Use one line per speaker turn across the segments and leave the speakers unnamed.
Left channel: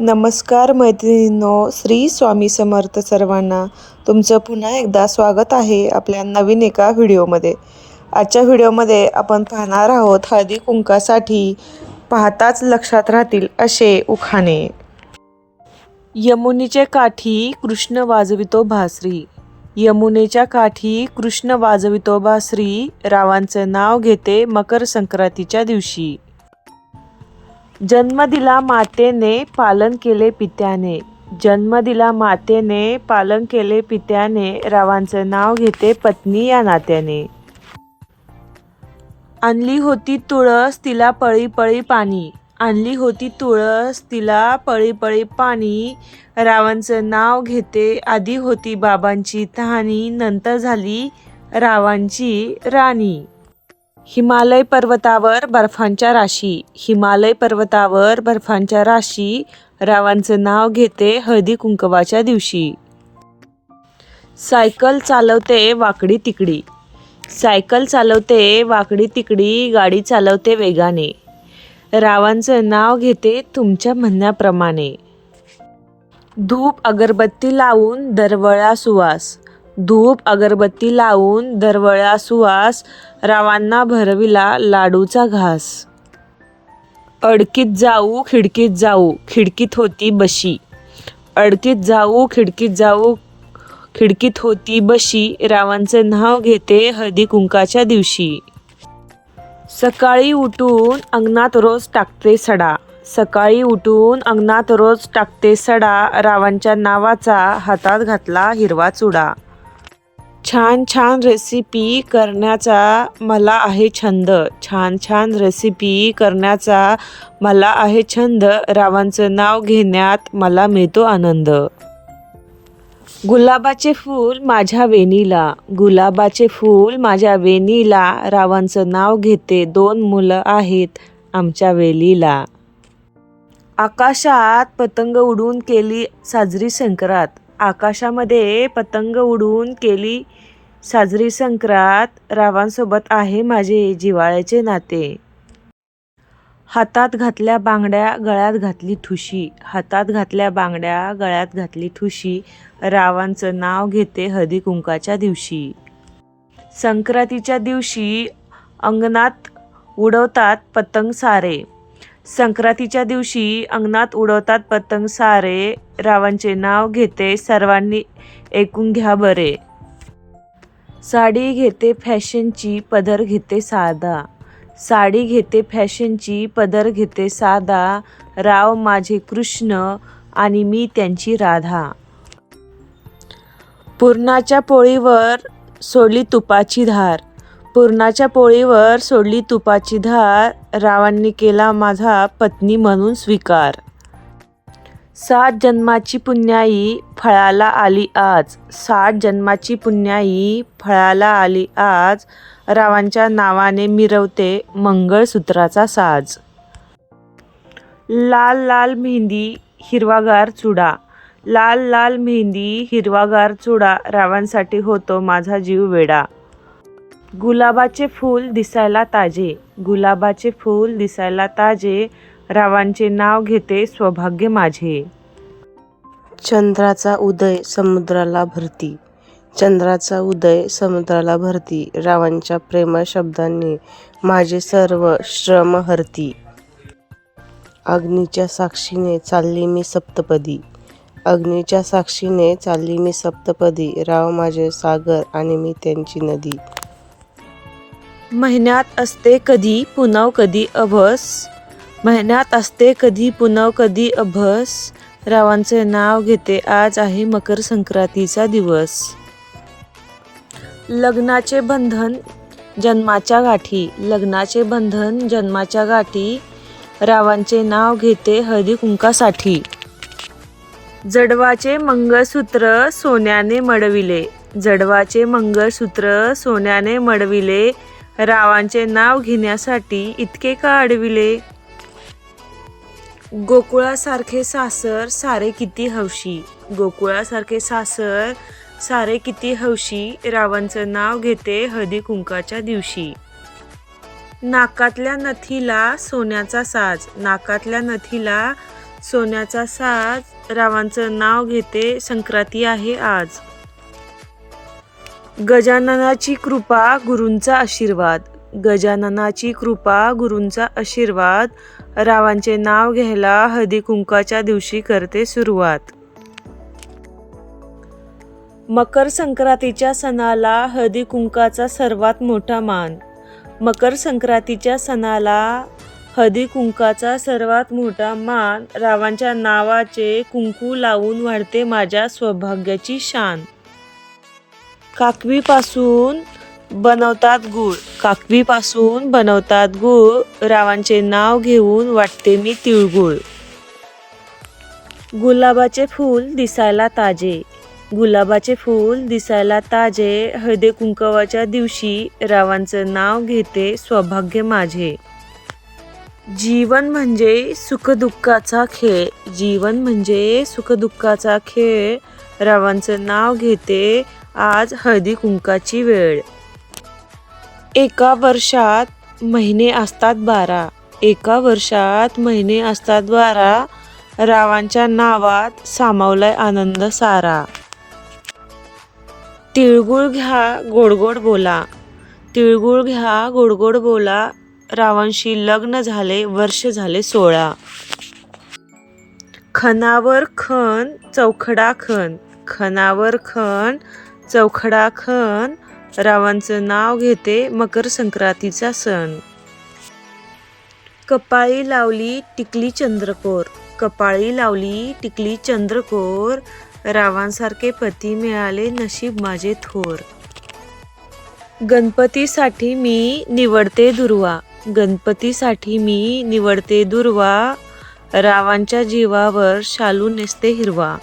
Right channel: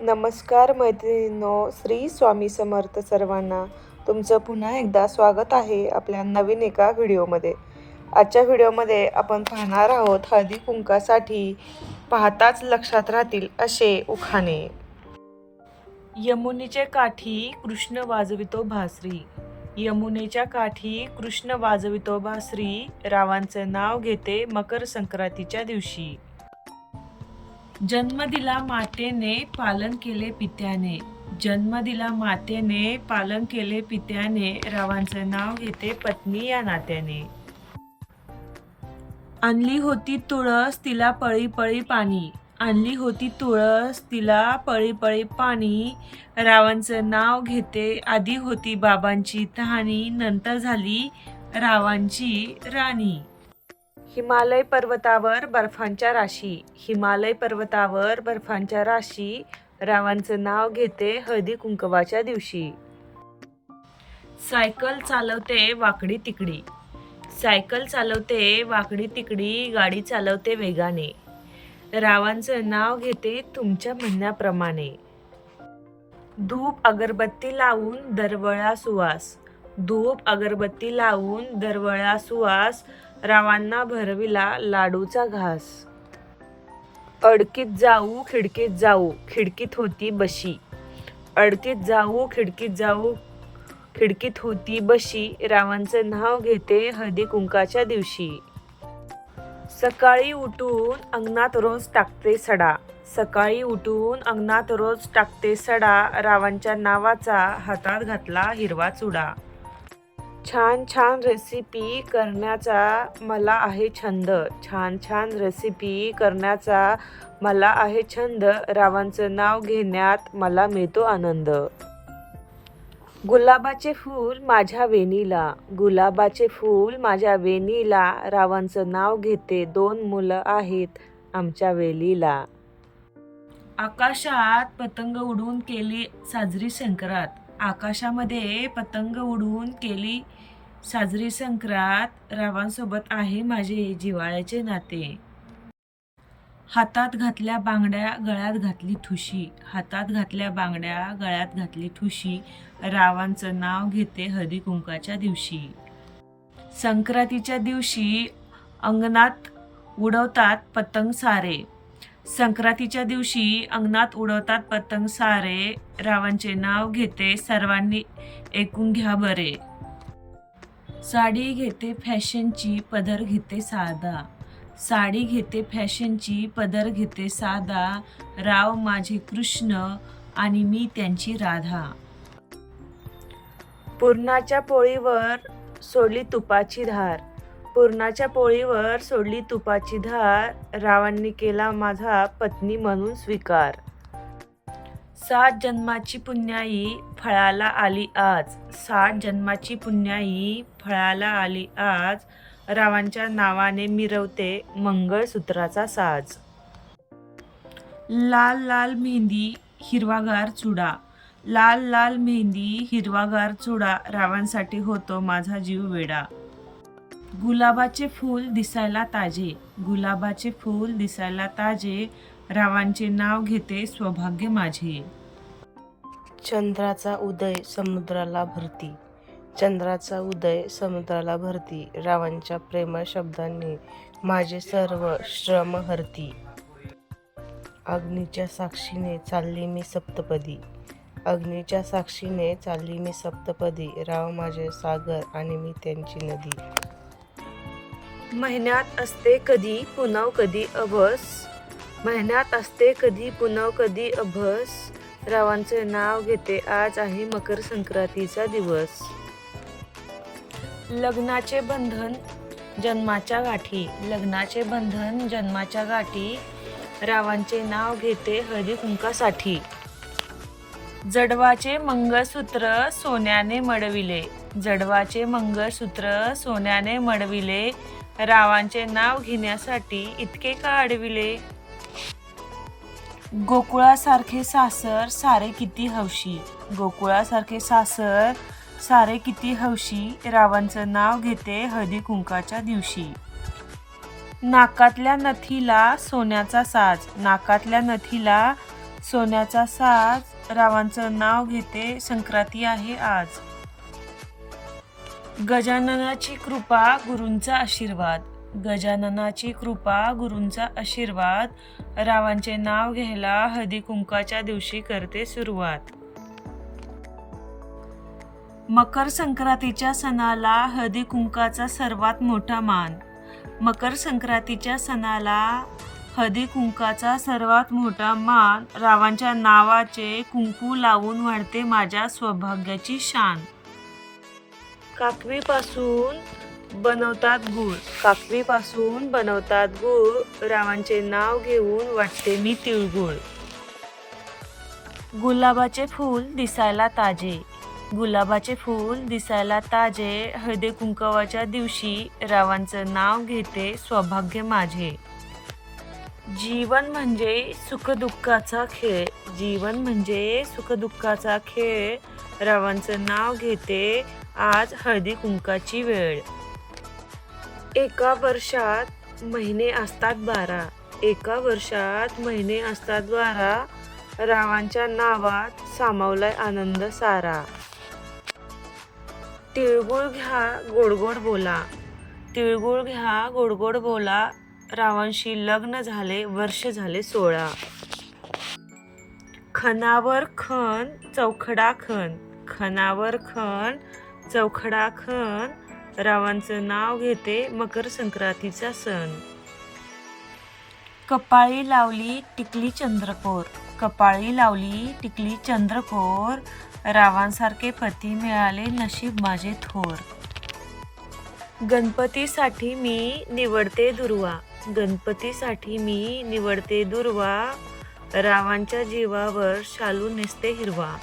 नमस्कार मैत्रिणींनो श्री स्वामी समर्थ सर्वांना तुमचं पुन्हा एकदा स्वागत आहे आपल्या नवीन एका व्हिडिओमध्ये. आजच्या व्हिडिओमध्ये आपण पाहणार आहोत हळदी कुंकासाठी पाहताच लक्षात राहतील असे उखाणे. यमुनेच्या काठी कृष्ण वाजवितो भासरी. यमुनेच्या काठी कृष्ण वाजवितो भासरी. रावांचं नाव घेते मकर संक्रांतीच्या दिवशी. जन्म दिला मातेने पालन केले पित्याने. जन्म दिला मातेने पालन केले पित्याने. रावांचं नाव घेते पत्नी या नात्याने. आणली होती तुळस तिला पळी पळी पाणी. आणली होती तुळस तिला पळी पळी पाणी. रावांचं नाव घेते आधी होती बाबांची तहानी नंतर झाली रावांची राणी. हिमालय पर्वतावर बर्फांच्या राशी. हिमालय पर्वतावर बर्फांच्या राशी. रावांचं नाव घेते हळदी कुंकवाच्या दिवशी. सायकल चालवते वाकडी तिकडी. सायकल चालवते वाकडी तिकडी गाडी चालवते वेगाने. रावांचं नाव घेते तुमच्या म्हणण्याप्रमाणे. धूप अगरबत्ती लावून दरवळा सुवास. धूप अगरबत्ती लावून दरवळा सुवास रावांना भरविला लाडूचा घास. अडकीत जाऊ खिडकीत जाऊ खिडकीत होती बशी. अडकीत जाऊ खिडकीत जाऊ खिडकीत होती बशी रावांचे नाव घेते हळदी कुंकाच्या दिवशी. सकाळी उठून अंगणात रोज टाकते सडा. सकाळी उठून अंगणात रोज टाकते सडा रावांच्या नावाचा हातात घातला हिरवा चुडा. छान छान रेसिपी करण्याचा मला आहे छंद. छान छान रेसिपी करण्याचा मला आहे छंद. रावांचं नाव घेण्यात मला मिळतो आनंद. गुलाबाचे फूल माझ्या वेणीला. गुलाबाचे फूल माझ्या वेणीला. रावांचं नाव घेते दोन मुलं आहेत आमच्या वेलीला. आकाशात पतंग उडून केली साजरी संक्रांत. आकाशामध्ये पतंग उडून केली साजरी संक्रात रावांसोबत आहे माझे जिव्हाळ्याचे नाते. हातात घातल्या बांगड्या गळ्यात घातली ठुशी. हातात घातल्या बांगड्या गळ्यात घातली ठुशी. रावांचं नाव घेते हळदी कुंकाच्या दिवशी. संक्रांतीच्या दिवशी अंगणात उडवतात पतंग सारे. संक्रांतीच्या दिवशी अंगणात उडवतात पतंग सारे. रावांचे नाव घेते सर्वांनी ऐकून घ्या बरे. साडी घेते फॅशनची पदर घेते साधा. साडी घेते फॅशनची पदर घेते साधा. राव माझे कृष्ण आणि मी त्यांची राधा. पुरणाच्या पोळीवर सोडली तुपाची धार. पुरणाच्या पोळीवर सोडली तुपाची धार. रावांनी केला माझा पत्नी म्हणून स्वीकार. सात जन्माची पुण्याई फळाला आली आज. सात जन्माची पुण्याई फळाला आली आज. रावांच्या नावाने मिरवते मंगळसूत्राचा साज. लाल लाल मेहंदी हिरवागार चुडा. लाल लाल मेहंदी हिरवागार चुडा रावांसाठी होतो माझा जीव वेडा. गुलाबाचे फूल दिसायला ताजे. गुलाबाचे फूल दिसायला ताजे. रावांचे नाव घेते सौभाग्य माझे.
चंद्राचा उदय समुद्राला भरती. चंद्राचा उदय समुद्राला भरती. रावांच्या प्रेम शब्दांनी माझे सर्व श्रम हरती. अग्नीच्या साक्षीने चालली मी सप्तपदी. अग्नीच्या साक्षीने चालली मी सप्तपदी. राव माझे सागर आणि मी त्यांची नदी.
महिन्यात असते कधी पुनव कधी अभस? महिन्यात असते कधी पुनव कधी अभस. रावांचे नाव घेते आज आहे मकर संक्रांतीचा दिवस. लग्नाचे बंधन जन्माच्या गाठी. लग्नाचे बंधन जन्माच्या गाठी. रावांचे नाव घेते हरिकुंकासाठी जडवाचे मंगळसूत्र सोन्याने मडविले. जडवाचे मंगळसूत्र सोन्याने मडविले. रावांचे नाव घेण्यासाठी इतके का अडविले? गोकुळासारखे सासर सारे किती हौशी? गोकुळासारखे सासर सारे किती हौशी? रावांचं नाव घेते हळदी कुंकाच्या दिवशी. नाकातल्या नथीला सोन्याचा साज. नाकातल्या नथीला सोन्याचा साज. रावांचं नाव घेते संक्रांती आहे आज. गजाननाची कृपा गुरूंचा आशीर्वाद. गजाननाची कृपा गुरूंचा आशीर्वाद. रावांचे नाव घ्यायला हळदी कुंकाच्या दिवशी करते सुरुवात. मकर संक्रांतीच्या सणाला हळदी कुंकाचा सर्वात मोठा मान. मकर संक्रांतीच्या सणाला हळदी कुंकाचा सर्वात मोठा मान. रावांच्या नावाचे कुंकू लावून वाढते माझ्या सौभाग्याची शान. काकवीपासून बनवतात गूळ. काकवीपासून बनवतात गूळ. रावांचे नाव घेऊन वाटते मी तिळगुळ. गुलाबाचे फूल दिसायला ताजे. गुलाबाचे फूल दिसायला ताजे. हळदे कुंकवाच्या दिवशी रावांचं नाव घेते सौभाग्य माझे. जीवन म्हणजे सुखदुःखाचा खेळ. जीवन म्हणजे सुखदुःखाचा खेळ. रावांचं नाव घेते आज हळदी कुंकाची वेळ. एका वर्षात महिने असतात बारा. एका वर्षात महिने असतात बारा. रावांच्या नावात सामावलाय आनंद सारा. तिळगुळ घ्या गोडगोड बोला. तिळगुळ घ्या गोडगोड बोला. रावांशी लग्न झाले वर्ष झाले सोळा. खनावर खण चौखडा खण खनावर खण चौखडा खण रावांचं नाव घेते मकर संक्रांतीचा सण. कपाळी लावली टिकली चंद्रकोर कपाळी लावली टिकली चंद्रकोर रावांसारखे पती मिळाले नशीब माझे थोर. गणपतीसाठी मी निवडते दुर्वा गणपतीसाठी मी निवडते दुर्वा रावांच्या जीवावर शालू नेसते हिरवा.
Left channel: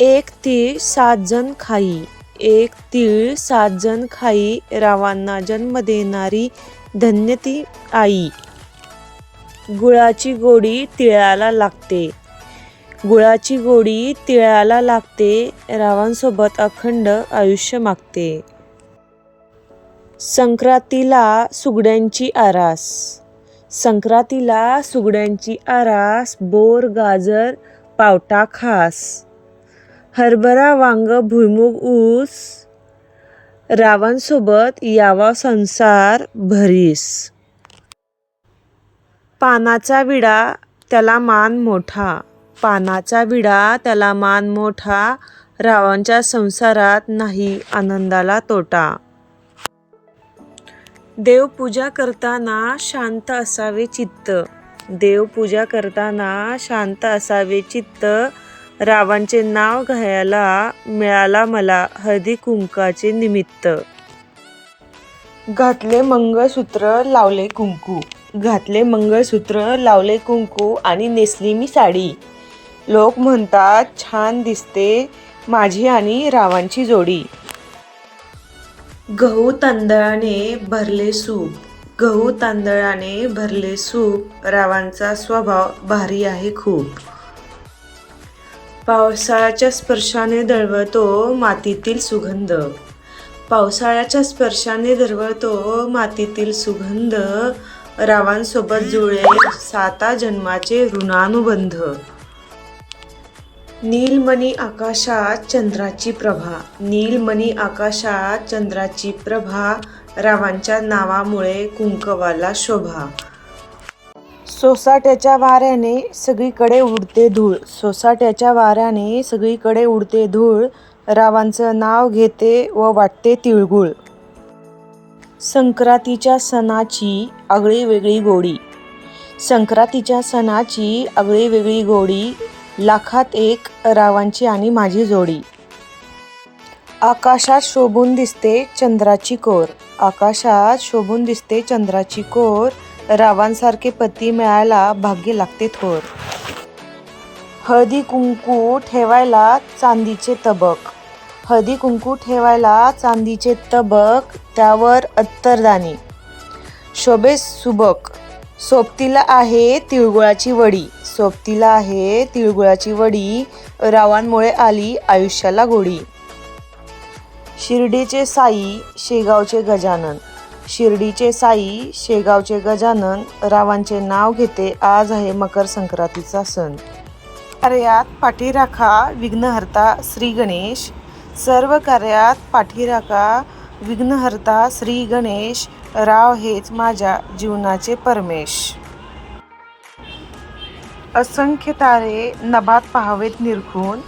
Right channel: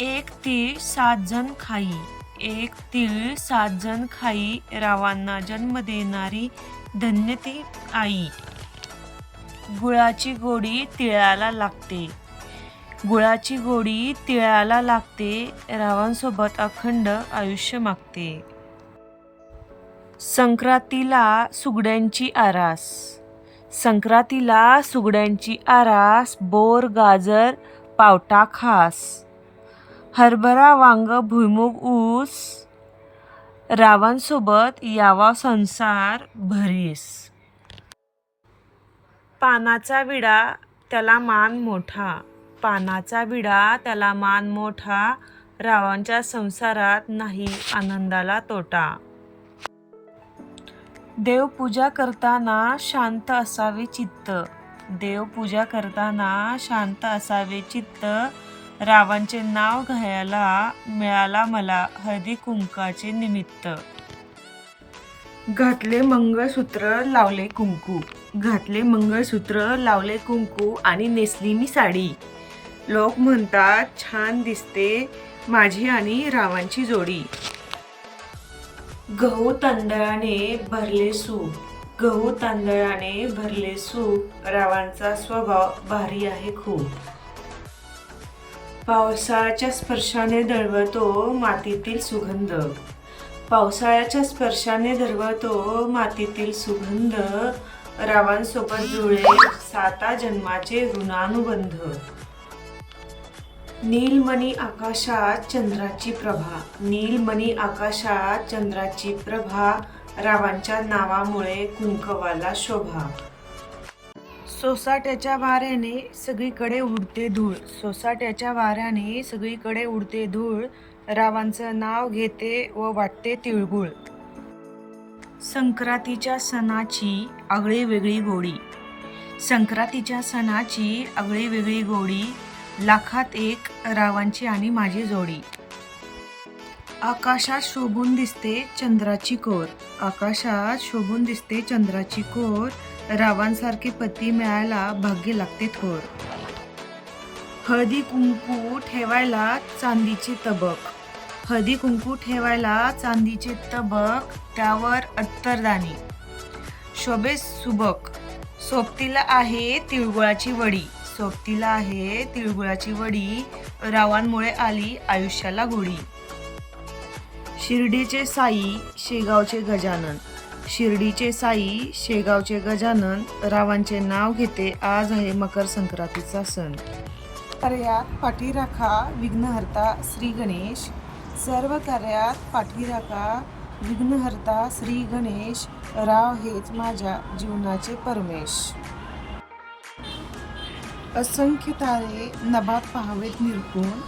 एक तीळ सात जण खाई. एक तीळ सातजण खाई रावांना जन्म देणारी धन्य ती आई. गुळाची गोडी तिळाला लागते. गुळाची गोडी तिळाला लागते रावांसोबत अखंड आयुष्य मागते. संक्रांतीला सुगड्यांची आरास. संक्रांतीला सुगड्यांची आरास बोर गाजर पावटा खास. हरभरा वांग भुईमुग ऊस रावांसोबत यावा संसार भरीस. पानाचा विडा त्याला मान मोठा. पानाचा विडा त्याला मान मोठा. रावांच्या संसारात नाही आनंदाला तोटा. देवपूजा करताना शांत असावे चित्त. देवपूजा करताना शांत असावे चित्त. रावांचे नाव घ्यायला मिळाला मला हळदी कुंकाचे निमित्त. घातले मंगळसूत्र लावले कुंकू. घातले मंगळसूत्र लावले कुंकू आणि नेसली मी साडी. लोक म्हणतात छान दिसते माझी आणि रावांची जोडी. गहू तांदळाने भरले सूप. गहू तांदळाने भरले सूप. रावांचा स्वभाव भारी आहे खूप. पावसाळ्याच्या स्पर्शाने दळवतो मातीतील सुगंध. पावसाळ्याच्या स्पर्शाने दरवळतो मातीतील सुगंध. रावांसोबत जुळे साता जन्माचे ऋणानुबंध. नीलमणी आकाशात चंद्राची प्रभा. नीलमणी आकाशात चंद्राची प्रभा. रावांच्या नावामुळे कुंकवाला शोभा. सोसाट्याच्या वाऱ्याने सगळीकडे उडते धूळ. सोसाट्याच्या वाऱ्याने सगळीकडे उडते धूळ. रावांचं नाव घेते व वाटते तिळगुळ. संक्रांतीच्या सणाची आगळी वेगळी गोडी. संक्रांतीच्या सणाची आगळी वेगळी गोडी लाखात एक रावांची आणि माझी जोडी. आकाशात शोभून दिसते चंद्राची कोर. आकाशात शोभून दिसते चंद्राची कोर. रावांसारखे पती मिळायला भाग्य लागते थोर. हळदी कुंकू ठेवायला चांदीचे तबक. हळदी कुंकू ठेवायला चांदीचे तबक त्यावर अत्तरदाणी. शोभे सुबक. सोबतीला आहे तिळगुळाची वडी. सोबतीला आहे तिळगुळाची वडी. रावांमुळे आली आयुष्याला गोडी. शिर्डीचे साई शेगावचे गजानन. शिर्डीचे साई शेगावचे गजानन रावांचे नाव घेते आज आहे मकर संक्रांतीचा सण. कार्यात पाठीराखा विघ्नहर्ता श्री गणेश. सर्व कार्यात पाठीराखा विघ्नहर्ता श्री गणेश. राव हेच माझ्या जीवनाचे परमेश. असंख्य तारे नभात पाहावेत निरखून.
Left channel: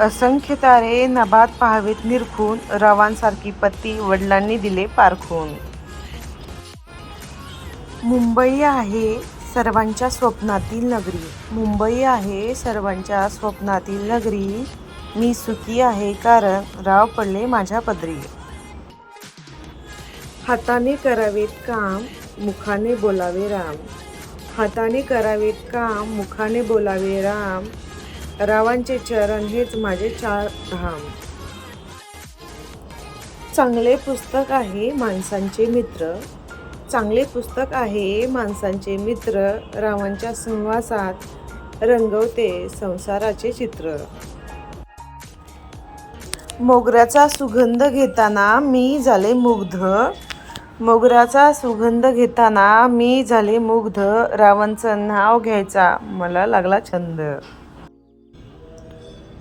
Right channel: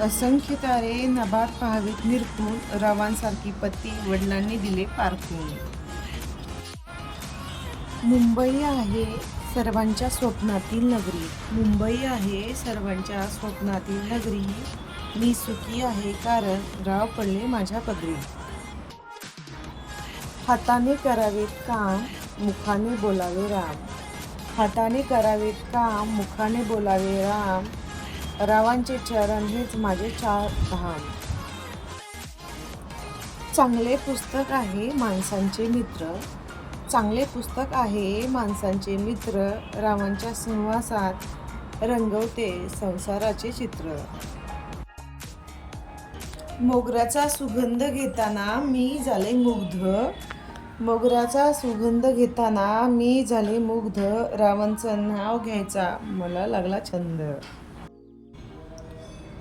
असंख्य तारे नभात पाहावेत निरखून. रवांसारखी पत्ती वडिलांनी दिले पारखून. मुंबई आहे सर्वांच्या स्वप्नातील नगरी. मुंबई आहे सर्वांच्या स्वप्नातील नगरी. मी सुखी आहे कारण राव पडले माझ्या पदरी. हाताने करावेत काम मुखाने बोलावे राम. हाताने करावेत काम मुखाने बोलावे राम. रावांचे चरण हेच माझे चार धाम. चांगले पुस्तक आहे माणसांचे मित्र. चांगले पुस्तक आहे. माणसांचे मित्र रावांच्या सहवासात रंगवते संसाराचे चित्र. मोगऱ्याचा सुगंध घेताना मी झाले मुग्ध. मोगऱ्याचा सुगंध घेताना मी झाले मुग्ध. रावणचं नाव घ्यायचा मला लागला छंद.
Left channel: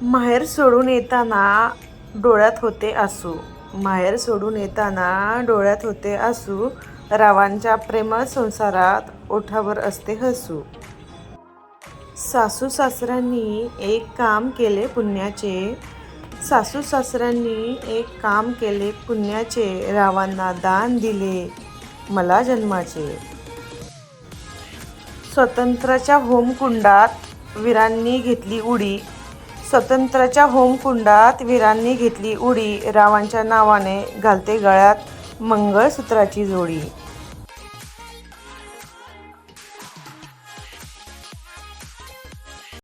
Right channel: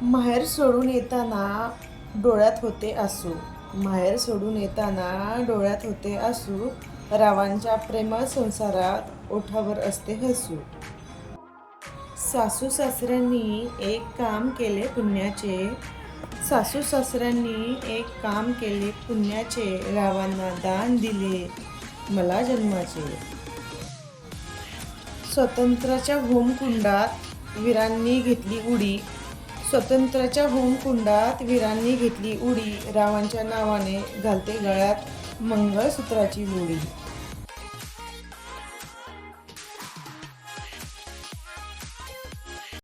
माहेर सोडून येताना डोळ्यात होते आसू. माहेर सोडून येताना डोळ्यात होते आसू. रावांच्या प्रेमळ संसारात ओठावर असते हसू. सासू सासऱ्यांनी एक काम केले पुण्याचे. सासू सासऱ्यांनी एक काम केले पुण्याचे. रावांना दान दिले मला जन्माचे. स्वतंत्राच्या होमकुंडात वीरांनी घेतली उडी. स्वतंत्राच्या होमकुंडात वीरांनी घेतली उडी. रावांच्या नावाने घालते गळ्यात मंगळसूत्राची जोडी.